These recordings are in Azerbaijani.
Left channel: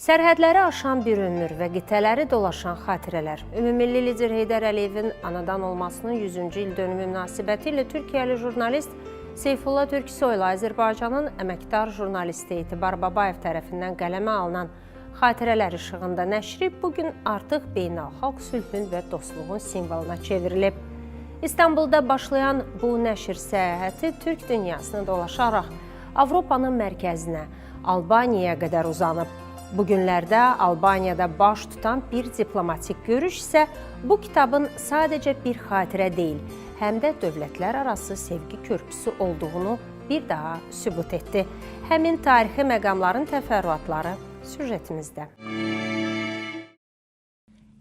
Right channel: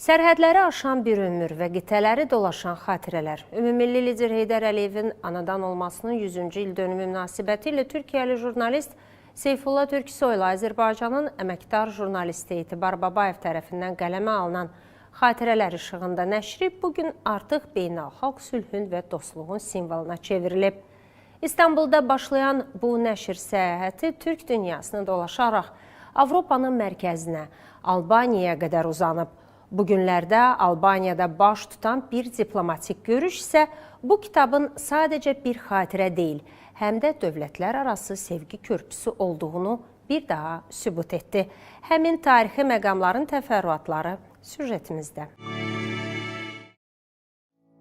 Sərhədləri aşan bir ömür və qitələri dolaşan xatirələr. Ümummilli lider Heydər Əliyevin anadan olmasının 100-cü il dönümü münasibətilə Türkiyəli jurnalist Seyfullah Türksoyla Azərbaycanın əməkdar jurnalisti Etibar Babayev tərəfindən qələmə alınan xatirələr işığında nəşri bugün artıq beynəlxalq sülhün və dostluğun simvoluna çevrilib. İstanbulda başlayan bu nəşr səyahəti Türk dünyasını dolaşaraq Avropanın mərkəzinə, Albaniyaya qədər uzanıb. Bugünlərdə Albaniyada baş tutan bir diplomatik görüş isə bu kitabın sadəcə bir xatirə deyil, həm də dövlətlər arası sevgi körpüsü olduğunu bir daha sübut etdi. Həmin tarixi məqamların təfərrüatları süjetimizdə.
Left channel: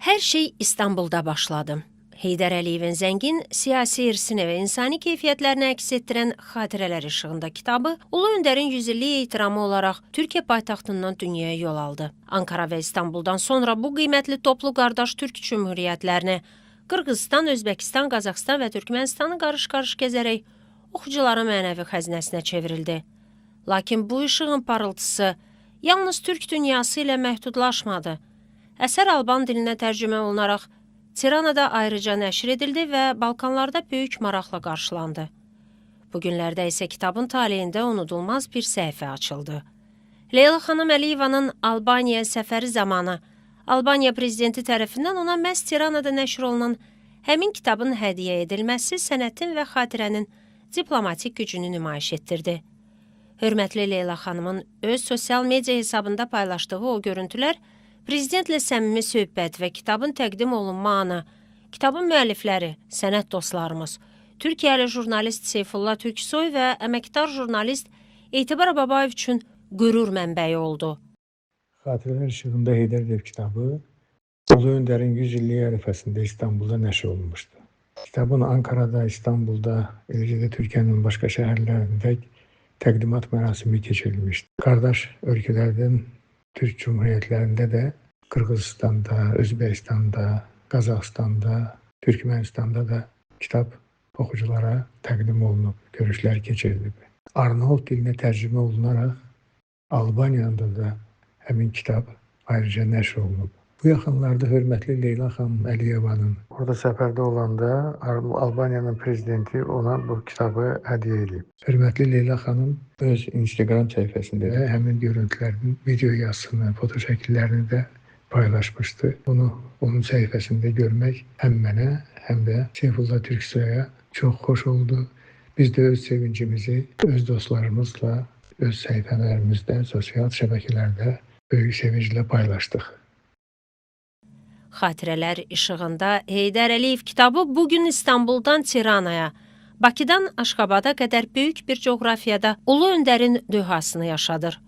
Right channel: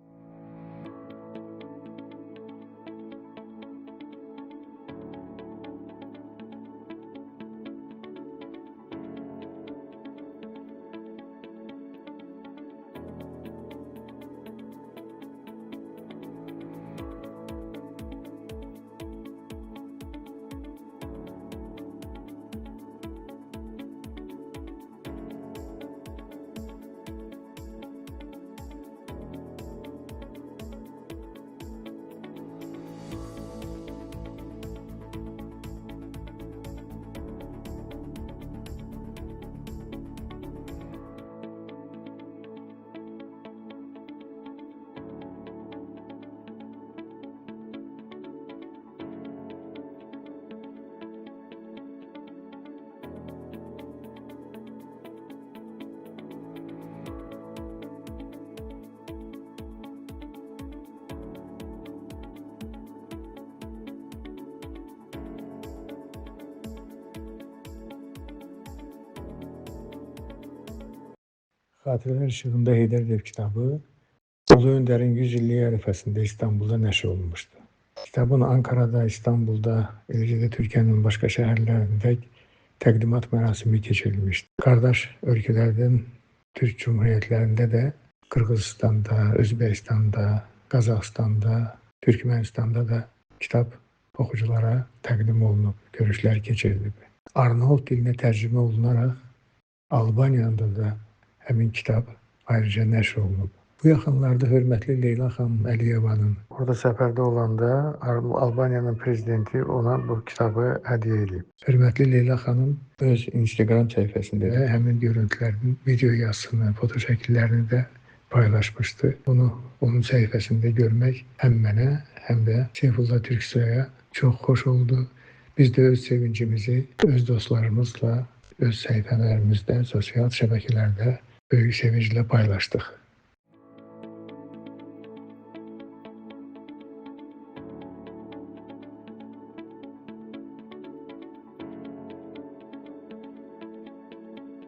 Hər şey İstanbulda başladı. Heydər Əliyevin zəngin siyasi irsini və insani keyfiyyətlərini əks etdirən Xatirələr işığında kitabı Ulu Öndərin 100 illik ehtiramı olaraq Türkiyə paytaxtından dünyaya yol aldı. Ankara və İstanbuldan sonra bu qiymətli toplu qardaş Türk Cümhuriyyətlərini Qırğızıstan, Özbəkistan, Qazaxıstan və Türkmənistanı qarış-qarış gəzərək oxucuların mənəvi xəzinəsinə çevrildi. Lakin bu işığın parıltısı yalnız Türk dünyası ilə məhdudlaşmadı. Əsər Alban dilinə tərcümə olunaraq Tiranada ayrıca nəşr edildi və Balkanlarda böyük maraqla qarşılandı. Bugünlərdə isə kitabın taleyində unudulmaz bir səhifə açıldı. Leyla xanım Əliyevanın Albaniya səfəri zamanı Albaniya prezidenti tərəfindən ona məhz Tiranada nəşr olunan həmin kitabın hədiyyə edilməsi sənətin və xatirənin diplomatik gücünü nümayiş etdirdi. Hörmətli Leyla xanımın öz sosial media hesabında paylaşdığı o görüntülər prezidentlə səmimi söhbət və kitabın təqdim olunma anı, kitabın müəllifləri, sənət dostlarımız, Türkiyəli jurnalist Seyfullah Türksoy və əməkdar jurnalist Etibar Babayev üçün qürur mənbəyi oldu. Xatirələr işığında Heydər Əliyev kitabı Ulu Öndərin 100 illik ərəfəsində İstanbulda nəşr olunmuşdu. Kitabın Ankara'da, İstanbulda, eləcə də Türkiyənin başqa şəhərlərində təqdimat mərasimi keçirilmişdi. Qardaş ölkələrdən Türk Cumhuriyyətlərində də Qırğızistanda, Özbəkistanda, Qazaxıstanda, Türkmənistanda da kitab oxuculara təqdim olunub, görüşlər keçirilib. Arnavut dilinə tərcümə olunaraq Albaniyada da həmin kitab ayrıca nəşr olunub. Bu yaxınlarda hörmətli Leyla xanım Əliyevanın orada səfərdə olanda Albaniyanın prezidenti ona bu kitabı hədiyyə edib. Hörmətli Leyla xanım öz Instagram səhifəsində də həmin görüntülərin video yazısını, foto şəkillərini də paylaşmışdı. Bunu onun səhifəsində görmək həm mənə, həm də Seyfullah Türksoy'a çox xoş oldu. Biz də öz sevincimizi öz dostlarımızla, öz səhifələrimizdə, sosial şəbəkələrdə böyük sevinclə paylaşdıq. Xatirələr işığında Heydər Əliyev kitabı bugün İstanbuldan Tiranaya, Bakıdan Aşqabada qədər böyük bir coğrafiyada Ulu Öndərin dühasını yaşadır.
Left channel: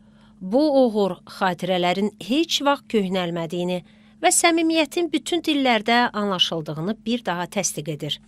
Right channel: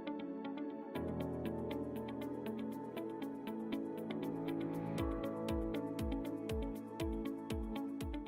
Bu uğur xatirələrin heç vaxt köhnəlmədiyini və səmimiyyətin bütün dillərdə anlaşıldığını bir daha təsdiq edir.